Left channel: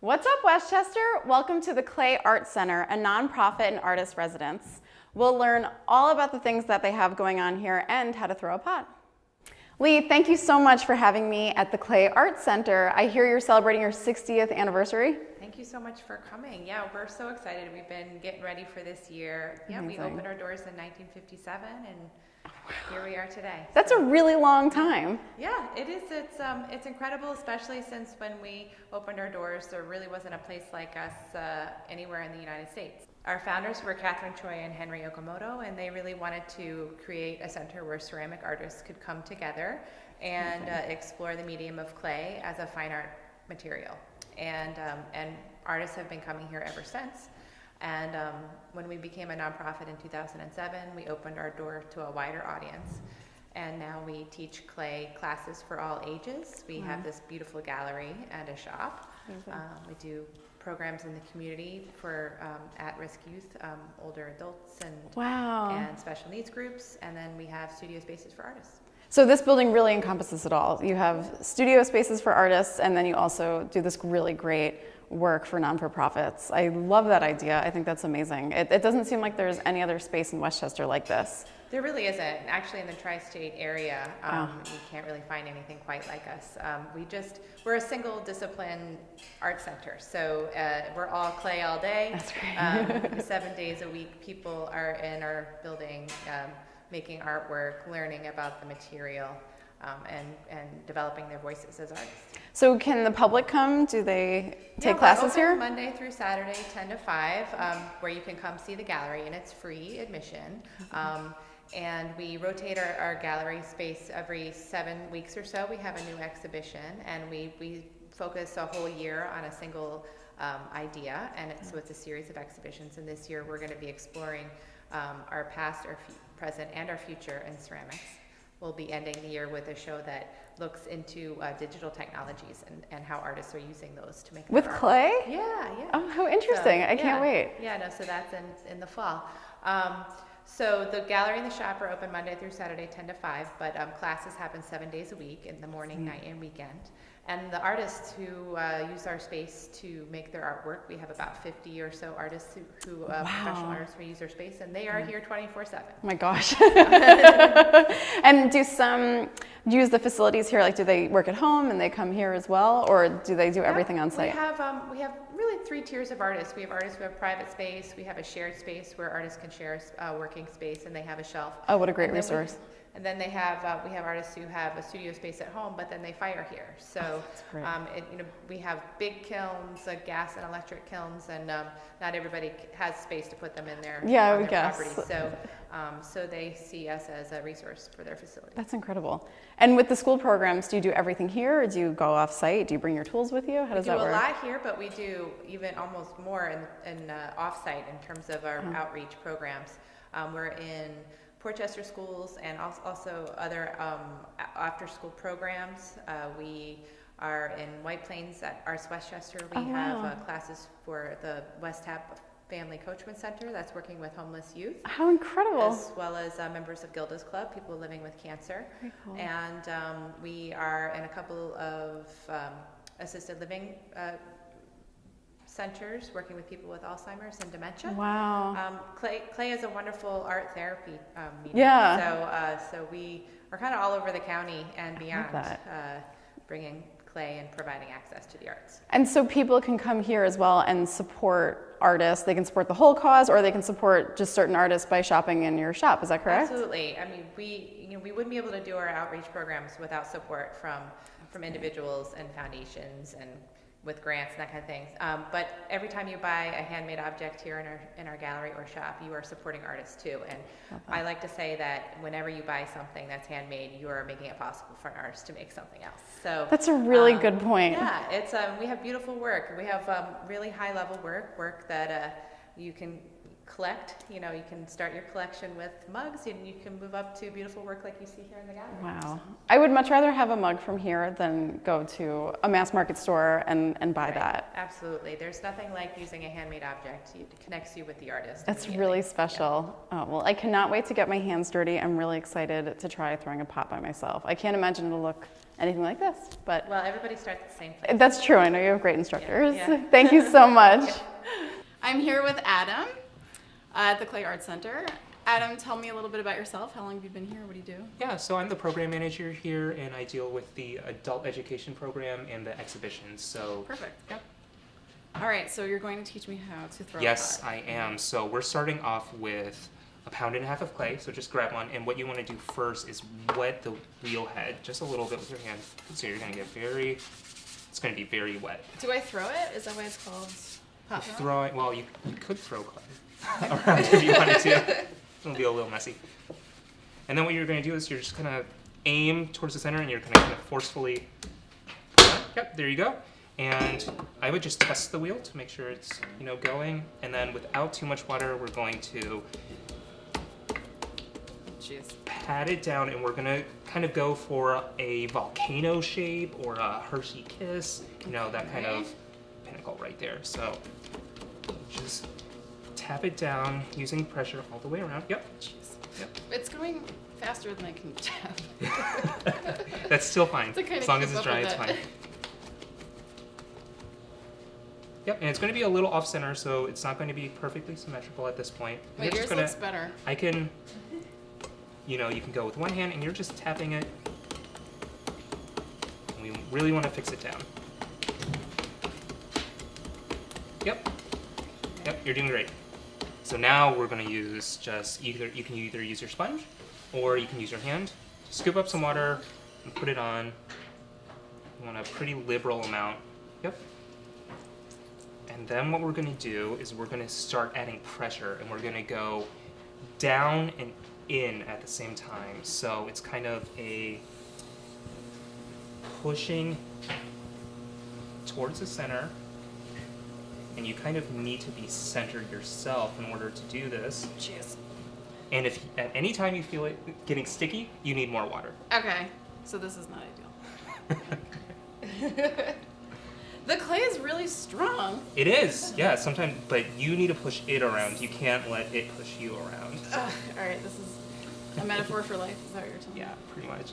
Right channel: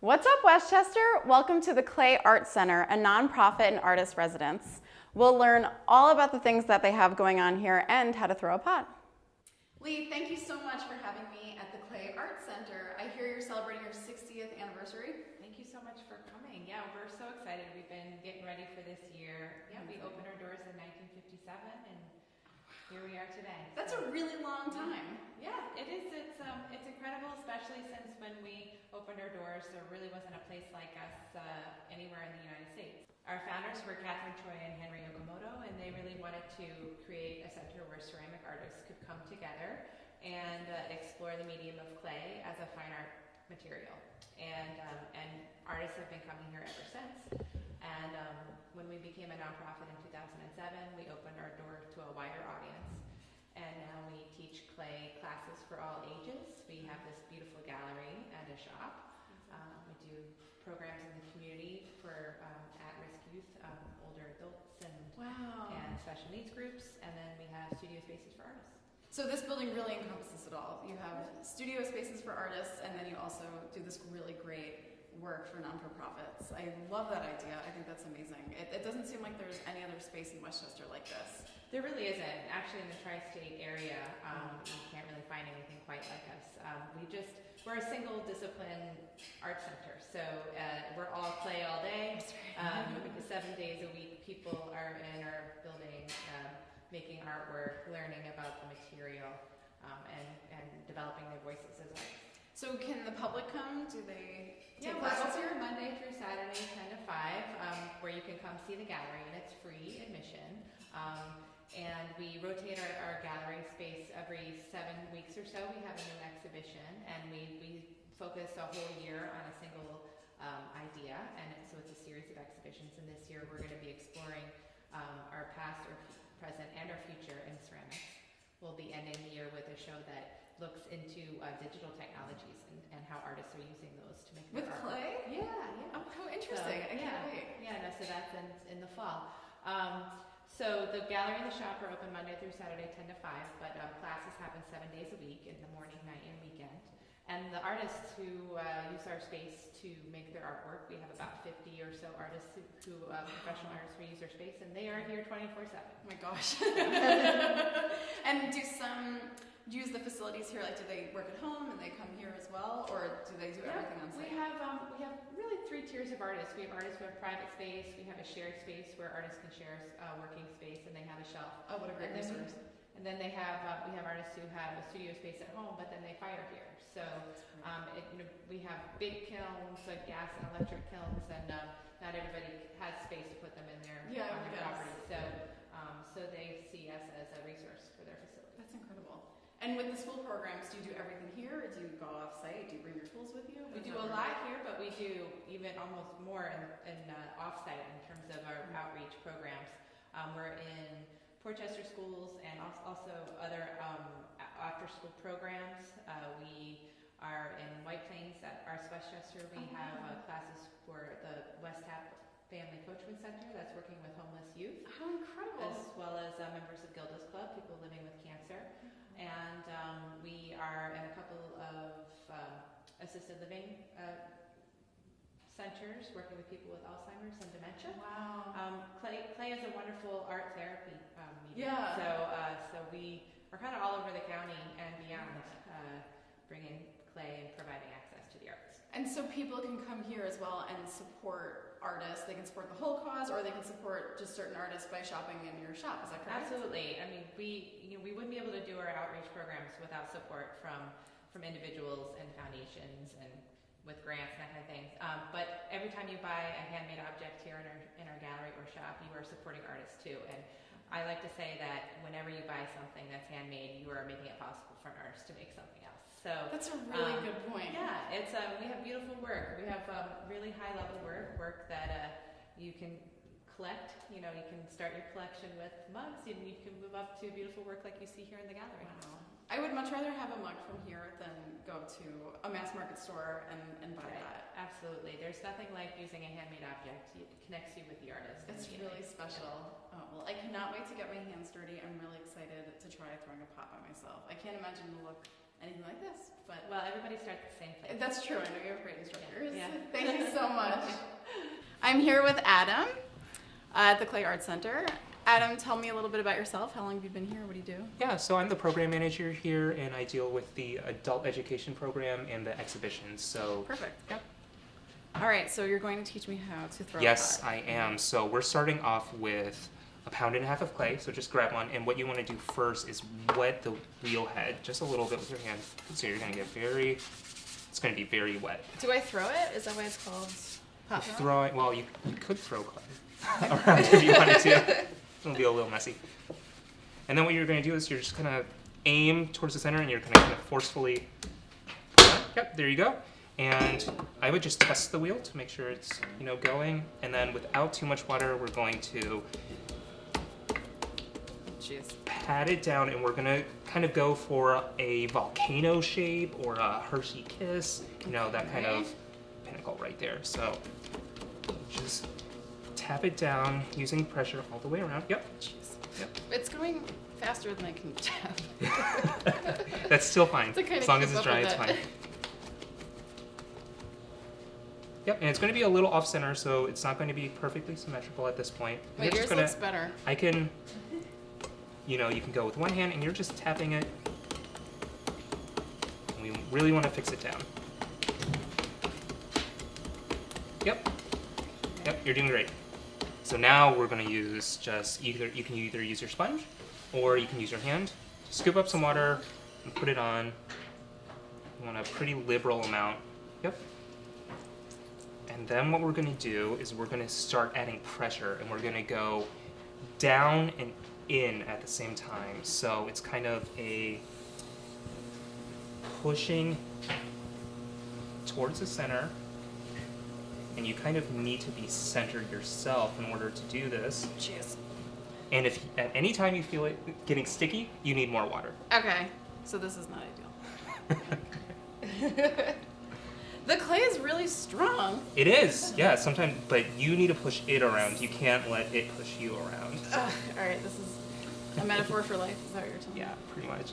What's up, Westchester? Welcome to the Clay Art Center, a nonprofit and artist residence. We'll learn all about the things that they have going on here and how to throw a pot. Lee, thank you so much for having me at the Clay Art Center. I hear you're celebrating your 60th anniversary. Thank you so much for coming. Yeah, we're so excited. We've been getting ready for this year. Yeah, Amazing. We opened our doors in 1957 and here we are today. That's a really long time. Yeah, it is. It's incredible, especially since when we opened our doors, there really wasn't a place like us anywhere in the United States. Our founders were Catherine Choi and Henry Okamoto, and they really wanted to create a center where ceramic artists could come together and explore the medium of clay as a fine art material. And artists have been coming here ever since. And when we became a nonprofit in 2007, we opened our door to a wider audience. And now we teach clay classes for all ages. We have this beautiful gallery and a shop. We do programs in the community for at-risk youth, older adults, and special needs groups. And then we have studio spaces for artists. So this building really encompasses it all. You have studio spaces for artists, and then you also do this really great work for non-for-profits. I love that idea. I think that's amazing. It doesn't seem like there's any other space in Westchester like this. There really isn't. Actually, in the tri-state area, you can't really find anything quite like us. We're a single discipline art center. So we're all clay all day. That's great. 7 days a week, people are in our building making artwork, learning about the material, and developing their voices as artists. So can the public come? Do they take classes here? Monday through Saturday, 10 to 5, where you can come see the gallery, and it's free admission. And we rotate our gallery space every 7 weeks or so. We have a new exhibition, and we focus a whole year on a single idea, and so it's a series of exhibitions. And this year we're going to be exploring our past, our present, and our future in ceramics. We'll be ending the year with a show that looks into digital technologies and how artists are using those to make with clay? Yeah. Oh, how interesting. I can't wait. Yeah, so that's in the fall. So the gallery and the shop are open Monday through Saturday, 10 to 5, but classes happen 7 days a week in the morning, night, and weekend. And the artists who use our space to make their artwork, we have about 50 or so artists who professional artists who use our space, and they are here 24/7. Oh my gosh. And do some use the facilities here? Like, do they work at home and they come here as well, or do they do everything on site? We have really 3 tiers of artists. We have artists who have private space. We have a shared space where artists can share a working space, and they have a shelf. Oh, what a great resource. And then we have artists who have a studio space at home, but then they fire here. So we have big kilns, gas and electric kilns, and not everybody has space to put them in their property. So they see us as a resource for their facility. That's incredible. And with the school programs, do you do everything here, or do you go off-site? Do you bring your tools with you? How does that work? We do a lot here, but we do even almost more in off-site in terms of our outreach programs. We're in Portchester schools and also other after-school programs. We are in White Plains at Arts Westchester. We have classes for the West Tap Family Coachment Center that's working with homeless youth. How incredible. As well as members of Gilda's Club, people living with cancer. Very cool. And we are in a couple of assisted living centers working with people with Alzheimer's and dementia. Wow. Clay is a wonderful art therapy medium. Yeah. So we are kind of all over the county and beyond, bringing clay and providing access to the arts. And so people can come here as well and support artists. They can support the whole cause, or they can support just certain artists by shopping in your shop. Is that correct? Absolutely. I mean, we wouldn't be able to do our outreach programs without support from individuals and foundations and with grants and that kind of things. But every time you buy a handmade object here in our gallery or shop, you are supporting artists too. And I like to say that whenever you buy something that's handmade, you are making it possible for an artist to make something else. So that's a really good point. Yeah, it's we have beautiful work. We have really high level work that you can collect. You can start your collection with mugs, and you can move up to beautiful work like you see here in the gallery. Wow. I would much rather have a mug from here than go to a mass market store and buy that. Absolutely. There's nothing like using a handmade object. It connects you with the artist. That's really special. Yeah. Oh, well, I cannot wait to get my hands dirty. I'm really excited to try throwing a pot by myself. I can't imagine it'll look anything like this. But Well, everybody starts at the same place. that's true. I know you have great instructors. Yeah. Thank you so much. I'm here with Adam at the Clay Arts Center. Adam, tell me a little bit about yourself. How long have you been here? What do you do? Yeah, so I'm the program manager here, and I deal with the adult education program and the exhibitions. So Perfect. Yep. All right, so you're going to teach me how to throw Yes, a pot. I am. So we're starting off with 1.5 pounds of clay. So just grab one, and what you want to do first is wet the wheel head just a little bit with your hand. So you're going to get it's going to be very wet. Do I throw it? Is that why it's called pot throw? Throwing, well, you could throw clay around if you wanted to. It'll be a little messy. And then what you're going to do is you're just going to aim towards the center, and you're going to kind of forcefully. Yep, there you go. And I would just test the wheel to make sure it's going. And then without too much water, we're going to pat it down, and we're going to kind of go for a volcano shape or a Hershey kiss. That kind of pinnacle right there. So just tap it down using pressure all the way around. Yep. Yep. It's going faster than I can tap. That's still fine. As long as it's dry, it's fine. Yep, and it's going to be a little off center, so it's not going to be perfectly symmetrical at this point. But yours looks better. I can, you can go with one hand, and you're just tapping it. And we really want to fix it down. Yep. Yep, you're doing great. So now we're going to use you can either use your sponge or you can use your hand. Scoop up some water and put it on. You want a pretty liberal amount. Yep. And then what we're going to do is we're going to start adding pressure, and we're going to go down and in at the same time. So it's kind of a pushing towards the center. And you kind of need to be centered yourself in order to do this. Jeez. And if at any time you feel it getting sticky, you need more water. Okay, so this is not ideal. The clay is really strong. It is, yeah, sometimes, but you need to push it around. You can't let it push you around. All right, this is a metaphor for life. Is that what you're telling me? Yeah, pretty much.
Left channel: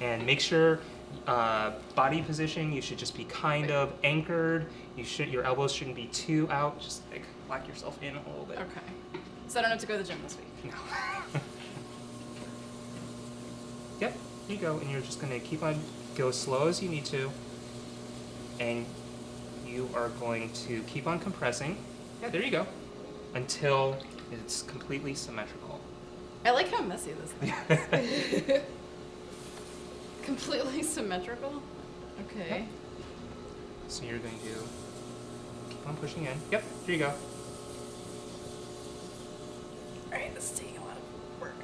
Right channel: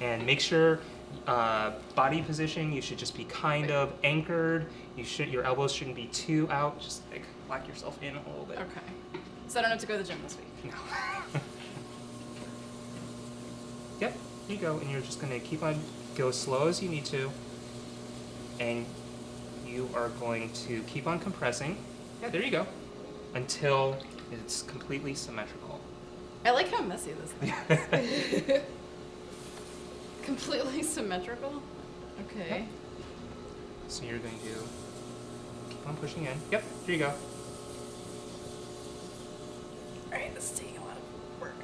And make sure body position, you should just be kind of anchored. Your elbows shouldn't be too out. Just like lock yourself in a little bit. Okay. So I don't have to go to the gym this week. No. Yep, here you go. And you're just going to keep on, go as slow as you need to. And you are going to keep on compressing. Yeah, there you go. Until it's completely symmetrical. I like how messy this thing is. Completely symmetrical? Okay. Yep. So you're going to keep on pushing in. Yep, here you go. Alright, this is taking a lot of work.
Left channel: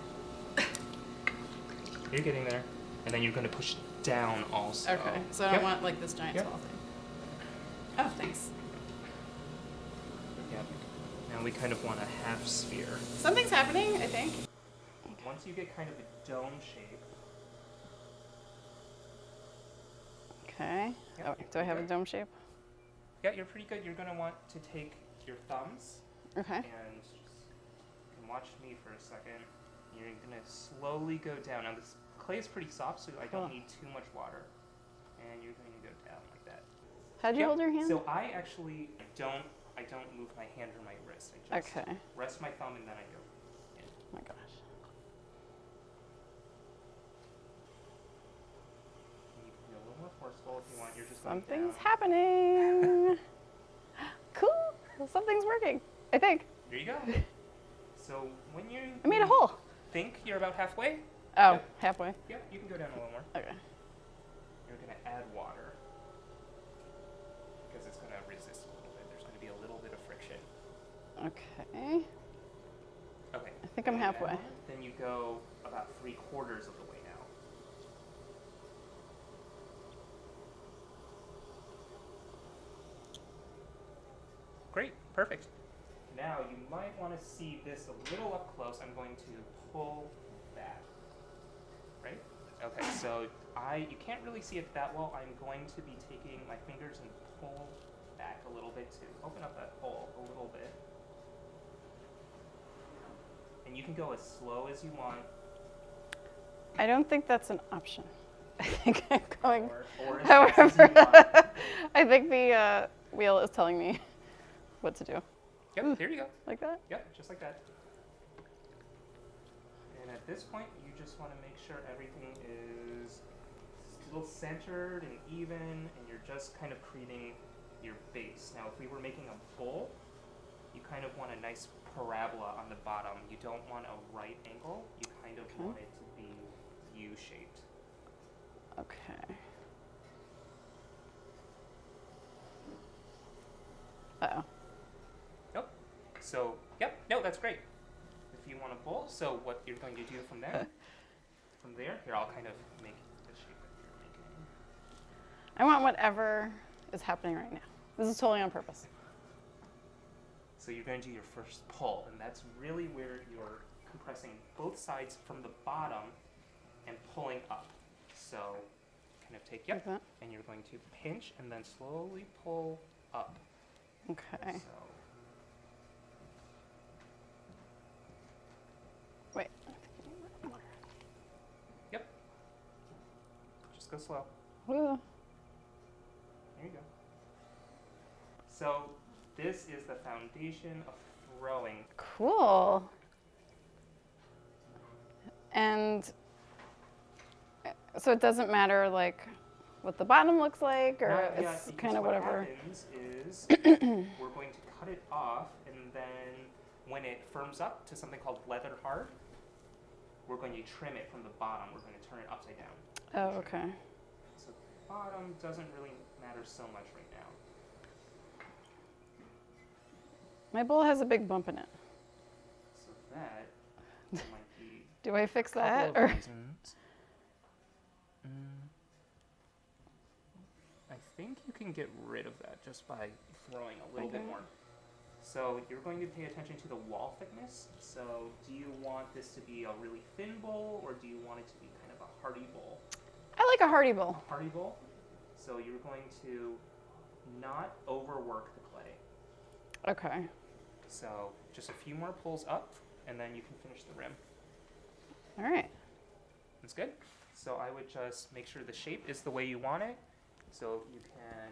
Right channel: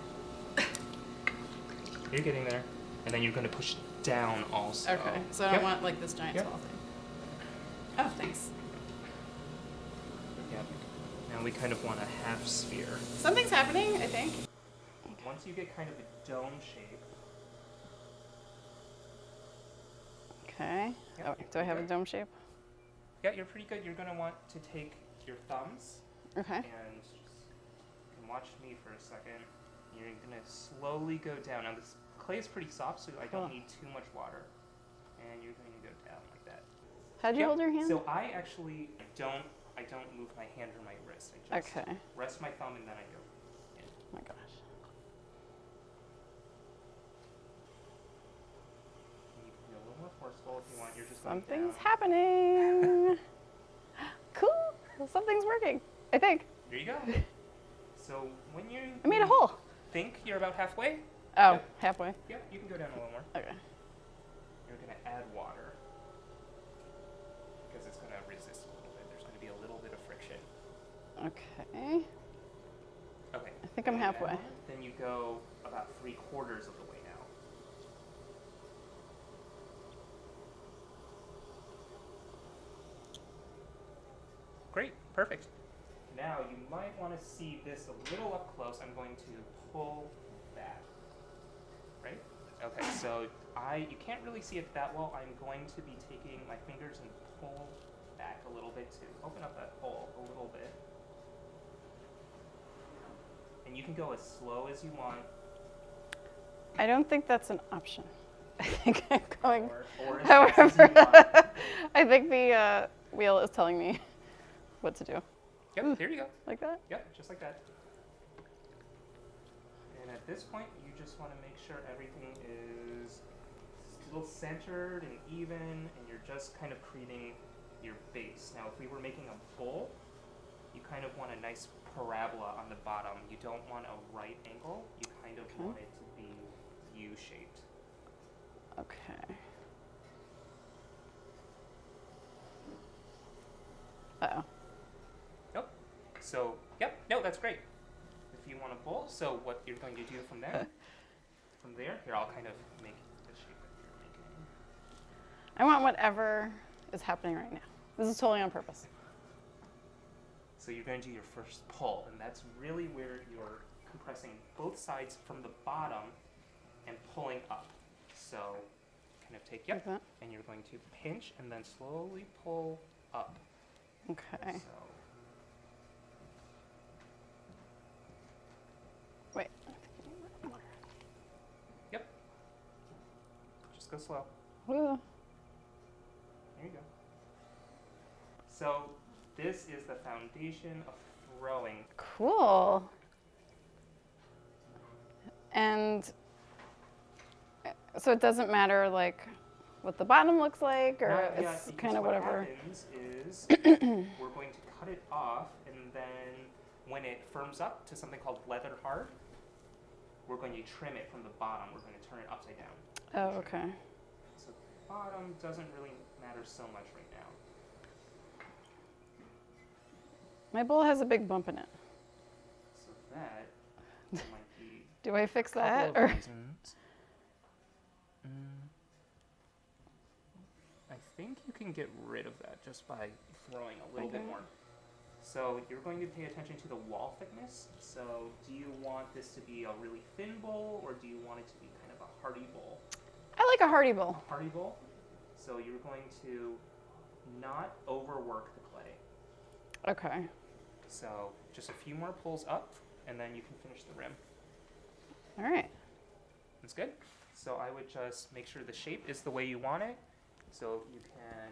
You're getting there. And then you're going to push down also. Okay, so I don't want like this giant tall thing. Oh, thanks. Yep. Now we kind of want a half sphere. Something's happening, I think. Once you get kind of a dome shape. Okay. Yep, Oh, do I have a dome shape? Yeah, you're pretty good. You're going to want to take your thumbs Okay. and just, you can watch me for a second. You're going to slowly go down. Now this clay is pretty soft, so I don't need too much water. And you're going to go down like that. How'd you hold your hand? So I actually don't move my hand or my wrist. I just rest my thumb and then I go in. Oh my gosh. You can be a little more forceful if you want. You're just going Something's down. happening. Cool. Something's working, I think. There you go. So when you I made a hole. think you're about halfway, Oh, Yep. halfway. yeah, you can go down a little more. Okay. You're going to add water because it's going to resist a little bit. There's going to be a little bit of friction. Okay. Okay. I think I'm halfway. Then you go about 3/4 of the way now. Great, perfect. Now you might want to see this a little up close. I'm going to pull back. Right? Okay, so you can't really see it that well. I'm going to be taking my fingers and pull back a little bit to open up that hole a little bit. And you can go as slow as you want. I don't think that's an option. I think I'm going or as fast as you however. want. I think the wheel is telling me what to do. Yep, there you go. Like that? Yep, just like that. And at this point, you just want to make sure everything is still centered and even, and you're just kind of creating your base. Now, if we were making a bowl, you kind of want a nice parabola on the bottom. You don't want a right angle. You kind of want it to be U-shaped. Okay. Uh-oh. Nope. So, yep, no, that's great. If you want a bowl, so what you're going to do from there, here I'll kind of make the shape that you're making. I want whatever is happening right now. This is totally on purpose. So you're going to do your first pull, and that's really where you're compressing both sides from the bottom and pulling up. So kind of take, Like that? and you're going to pinch and then slowly pull up. Okay. So, Wait. yep. Just go slow. Ooh. There you go. So this is the foundation of throwing. Cool. And so it doesn't matter like what the bottom looks like, or Yeah, it's because kind of what whatever. happens is we're going to cut it off, and then when it firms up to something called leather hard, we're going to trim it from the bottom. We're going to turn it upside down. Oh, okay. So the bottom doesn't really matter so much right now. My bowl has a big bump in it. So that might be Do I fix a couple that? of Or reasons. I think you can get rid of that just by throwing a little bit Okay. more. So you're going to pay attention to the wall thickness. So do you want this to be a really thin bowl, or do you want it to be kind of a hearty bowl? I like a hearty bowl. A hearty bowl. So you're going to not overwork the clay. Okay. So just a few more pulls up, and then you can finish the rim. All right. That's good. So I would just make sure the shape is the way you want it. So you can.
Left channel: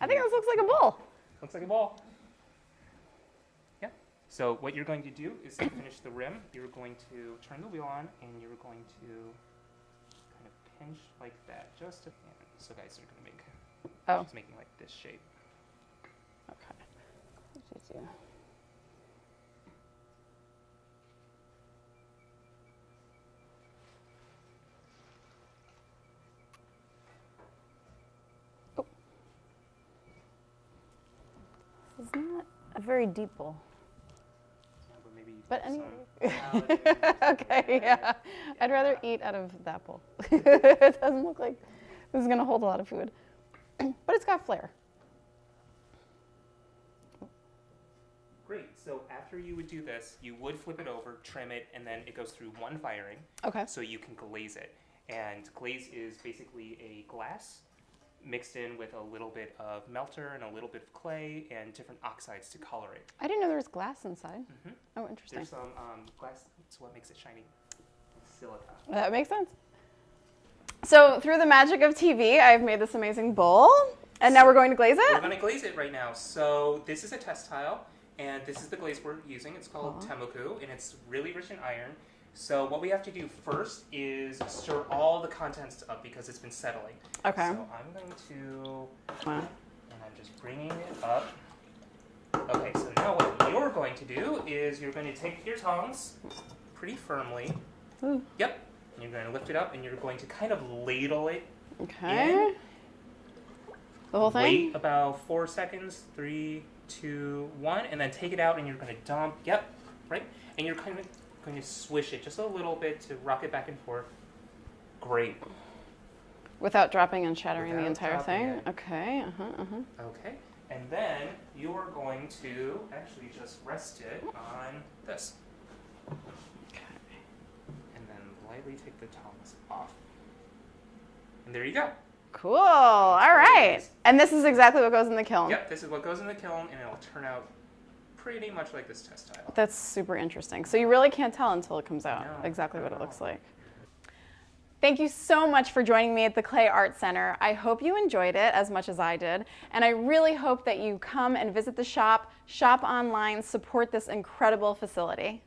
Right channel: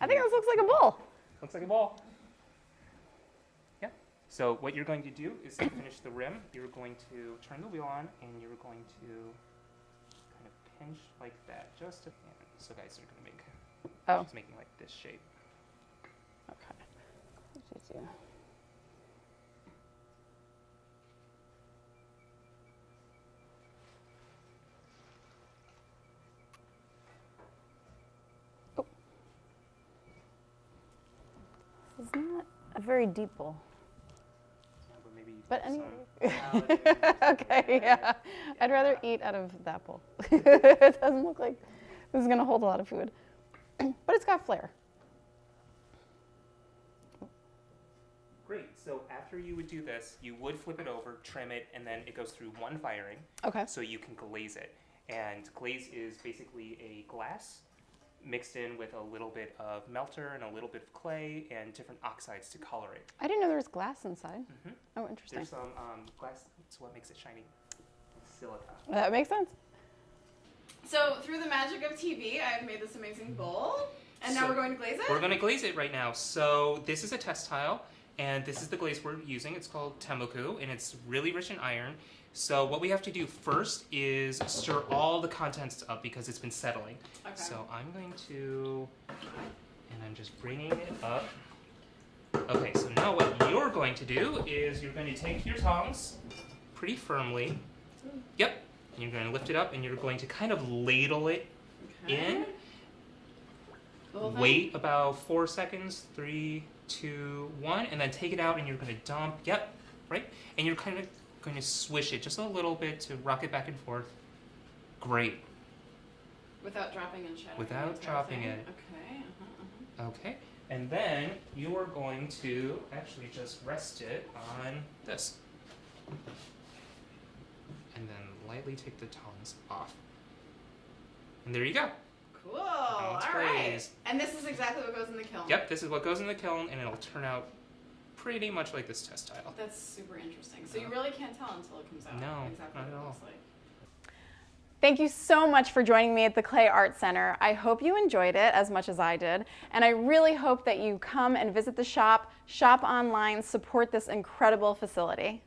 I think this looks like a bowl. Looks like a ball. Yeah. So what you're going to do is to finish the rim, you're going to turn the wheel on, and you're going to kind of pinch like that. Just to, so guys are going to make. Oh. Just making like this shape. Okay. What did you do? Oh. This is not a very deep bowl. Yeah, but maybe you But can anyway. put some salad in there. Okay, yeah. I'd rather eat out of that bowl. It doesn't look like this is going to hold a lot of food. But it's got flair. Great. So after you would do this, you would flip it over, trim it, and then it goes through one firing. Okay. So you can glaze it. And glaze is basically a glass mixed in with a little bit of melter and a little bit of clay and different oxides to color it. I didn't know there was glass inside. Mhm. Oh, interesting. There's some glass, it's what makes it shiny. It's silica. That makes sense. So through the magic of TV, I've made this amazing bowl. And now So we're going to glaze We're it? going to glaze it right now. So this is a test tile, and this is the glaze we're using. It's called Temuku, and it's really rich in iron. So what we have to do first is stir all the contents up because it's been settling. Okay. So I'm going to, Wow. and I'm just bringing it up. Okay, so now what you're going to do is you're going to take your tongs pretty firmly. Ooh. Yep. And you're going to lift it up, and you're going to kind of ladle it Okay. in. The whole thing? Wait about 4 seconds, 3, 2, 1, and then take it out, and you're going to dump. Yep, right. And you're kind of going to swish it just a little bit to rock it back and forth. Great. Without dropping and shattering the Without entire dropping thing? it. Okay. Okay. And then you're going to actually just rest it on this. And then lightly take the tongs off. And there you go. Cool. All right. glaze. And this is exactly what goes in the kiln. Yep, this is what goes in the kiln, and it'll turn out pretty much like this test tile. That's super interesting. So you really can't tell until it comes out No, exactly not what it at looks all. like. Thank you so much for joining me at the Clay Art Center. I hope you enjoyed it as much as I did, and I really hope that you come and visit the shop, shop online, support this incredible facility.